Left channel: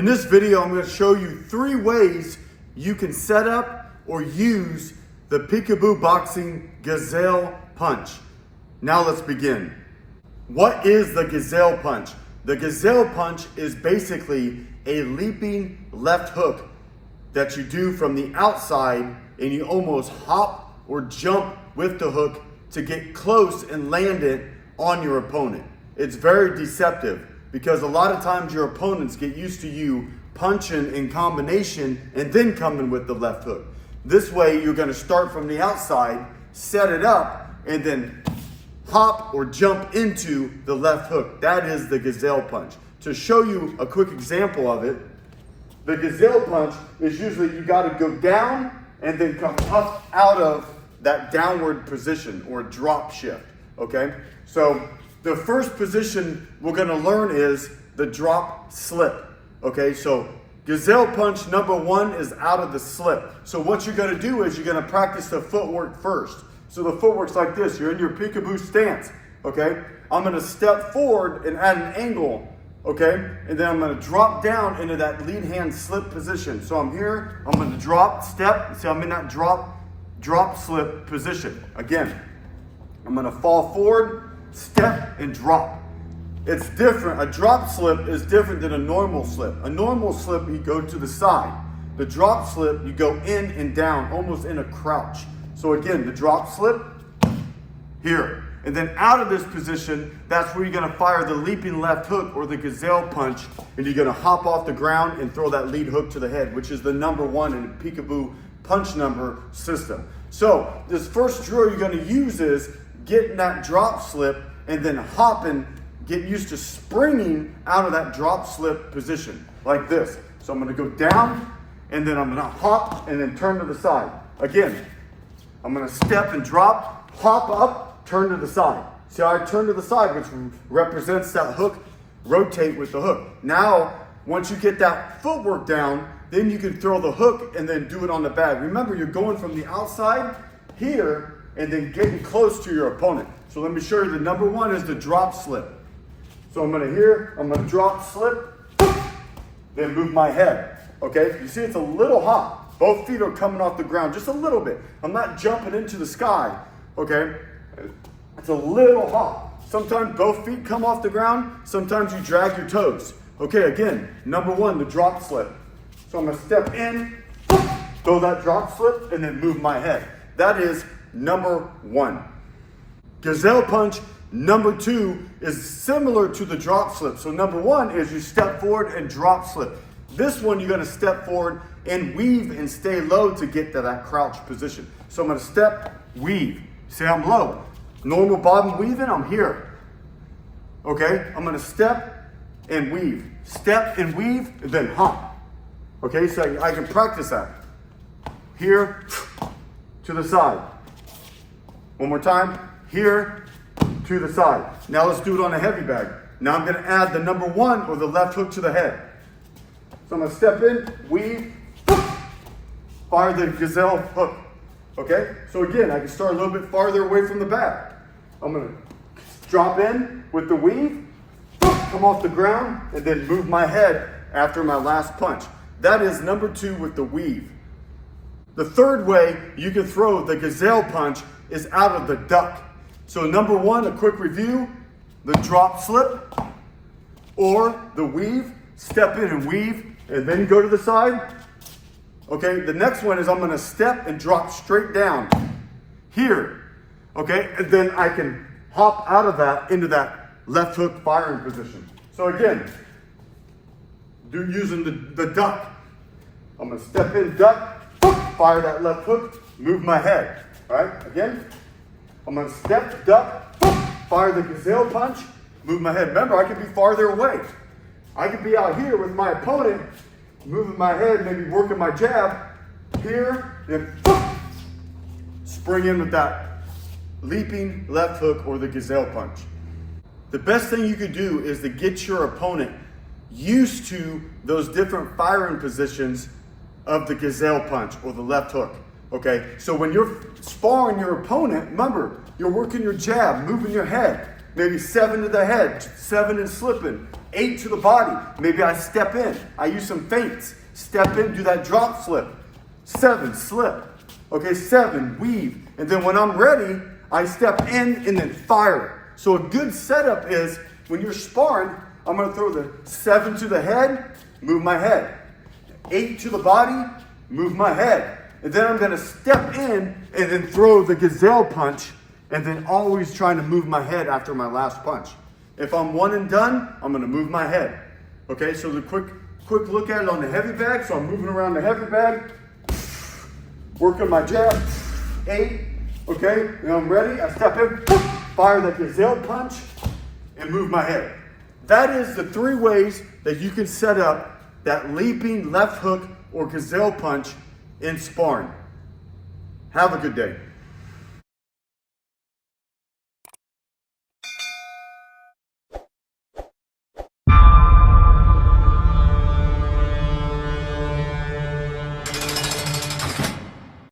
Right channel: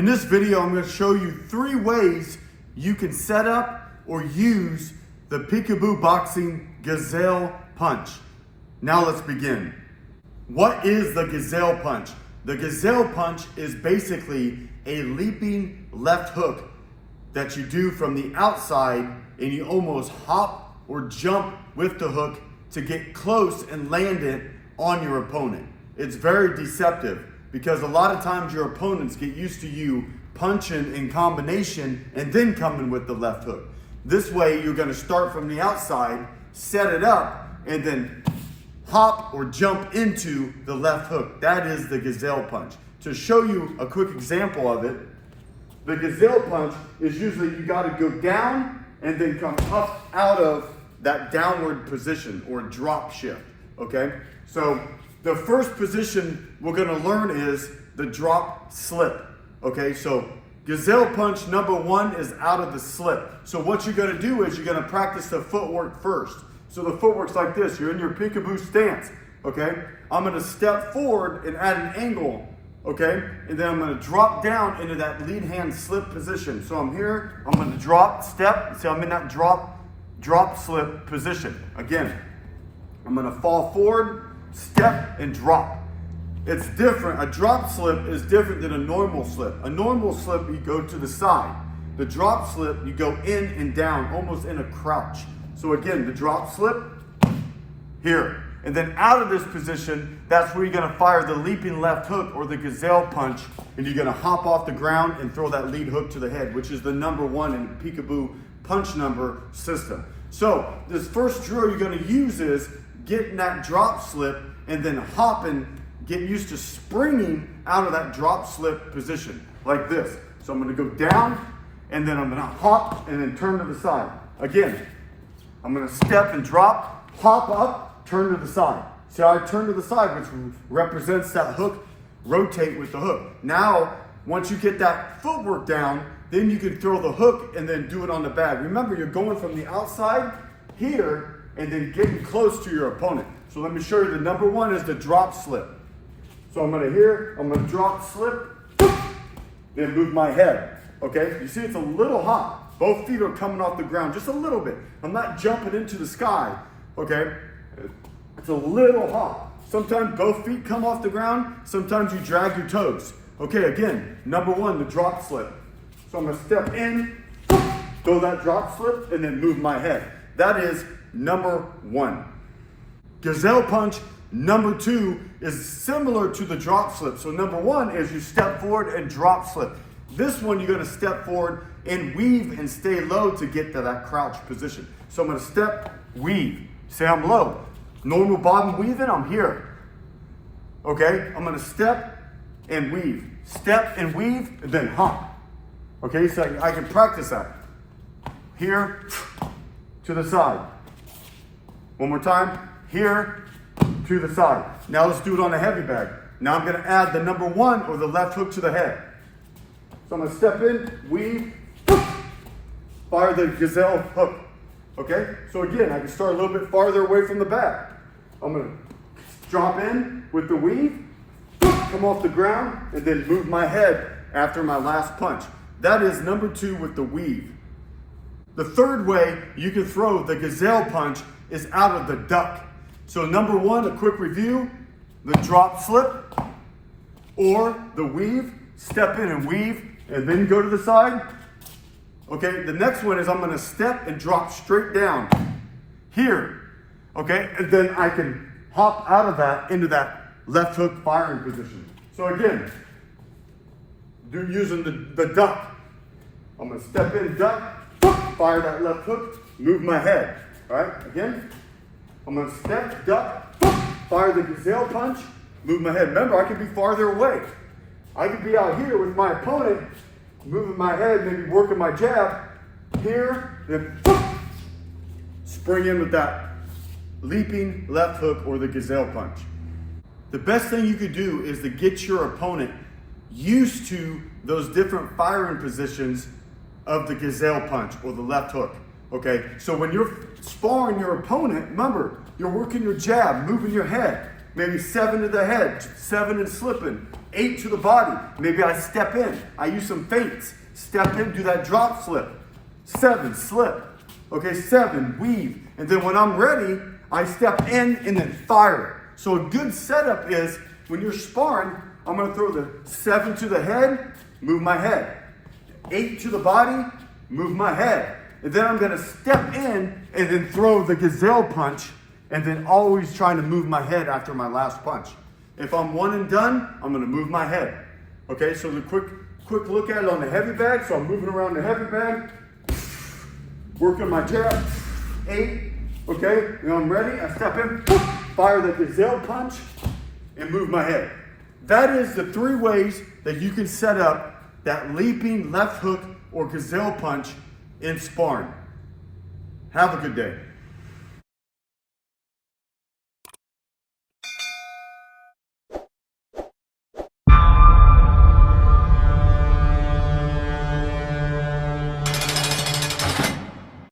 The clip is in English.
In this video, I'm going to show you 3 ways you can set up or use the Peekaboo Boxing Gazelle Punch. Now let's begin. What is the Gazelle Punch? The Gazelle Punch is basically a leaping left hook that you do from the outside, and you almost hop or jump with the hook to get close and land it on your opponent. It's very deceptive because a lot of times your opponents get used to you punching in combination and then coming with the left hook. This way you're going to start from the outside, set it up, and then hop or jump into the left hook. That is the Gazelle Punch. To show you a quick example of it, the Gazelle Punch is usually you got to go down and then come up out of that downward position or drop shift, okay? So the first position we're gonna learn is the drop slip, okay? So Gazelle Punch number 1 is out of the slip. So what you're gonna do is you're gonna practice the footwork first. So the footwork's like this, you're in your peekaboo stance, okay? I'm gonna step forward and add an angle, okay? And then I'm gonna drop down into that lead hand slip position. So I'm here, I'm gonna drop, step, see I'm in that drop slip position. Again, I'm gonna fall forward, step, and drop. It's different. A drop slip is different than a normal slip. A normal slip, you go to the side. The drop slip, you go in and down, almost in a crouch. So again, the drop slip, here. And then out of this position, that's where you're gonna fire the leaping left hook or the Gazelle Punch, and you're gonna hop off the ground and throw that lead hook to the head, which is the number 1 in the Peekaboo punch number system. So this first drill you're gonna use is getting that drop slip and then hopping, getting used to springing out of that drop slip position like this. So I'm gonna go down and then I'm gonna hop and then turn to the side. Again, I'm gonna step and drop, hop up, turn to the side. See how I turn to the side, which represents that hook, rotate with the hook. Now, once you get that footwork down, then you can throw the hook and then do it on the bag. Remember, you're going from the outside here and then getting close to your opponent. So let me show you the number 1 is the drop slip. So I'm gonna drop slip, then move my head, okay? You see it's a little hop. Both feet are coming off the ground just a little bit. I'm not jumping into the sky, okay? It's a little hop. Sometimes both feet come off the ground, sometimes you drag your toes. Okay, again, number 1, the drop slip. So I'm gonna step in, throw that drop slip, and then move my head. That is number 1. Gazelle Punch number 2 is similar to the drop slip. So number 1 is you step forward and drop slip. This one, you're gonna step forward and weave and stay low to get to that crouch position. So I'm gonna step, weave. Say I'm low. Normal bobbing weaving, I'm here. Okay, I'm gonna step and weave. Step and weave, and then hop. Okay, so I can practice that. Here, to the side. One more time, here, to the side. Now let's do it on a heavy bag. Now I'm gonna add the number 1 or the left hook to the head. So I'm gonna step in, weave, fire the Gazelle hook. Okay, so again, I can start a little bit farther away from the bag. I'm gonna drop in with the weave, come off the ground, and then move my head after my last punch. That is number 2 with the weave. The third way you can throw the Gazelle Punch is out of the duck. So number 1, a quick review, the drop slip or the weave, step in and weave, and then go to the side. Okay, the next one is I'm gonna step and drop straight down here. Okay, and then I can hop out of that into that left hook firing position. So again, using the duck. I'm gonna step in, duck, fire that left hook, move my head. All right, again, I'm gonna step, duck, fire the Gazelle Punch, move my head. Remember, I can be farther away. I could be out here with my opponent, moving my head, maybe working my jab, here, then spring in with that leaping left hook or the Gazelle Punch. The best thing you could do is to get your opponent used to those different firing positions of the Gazelle Punch or the left hook. Okay, so when you're sparring your opponent, remember, you're working your jab, moving your head. Maybe 7 to the head, 7 and slipping, 8 to the body. Maybe I step in. I use some feints. Step in, do that drop flip. 7, slip. Okay, 7, weave. And then when I'm ready, I step in and then fire it. So a good setup is when you're sparring, I'm going to throw the 7 to the head, move my head. 8 to the body, move my head. And then I'm going to step in and then throw the Gazelle Punch, and then always trying to move my head after my last punch. If I'm one and done, I'm going to move my head. Okay, so the quick look at it on the heavy bag. So I'm moving around the heavy bag, working my jab, 8, okay, and I'm ready. I step in, fire the Gazelle Punch, and move my head. That is the 3 ways that you can set up that leaping left hook or Gazelle Punch in sparring. Have a good day.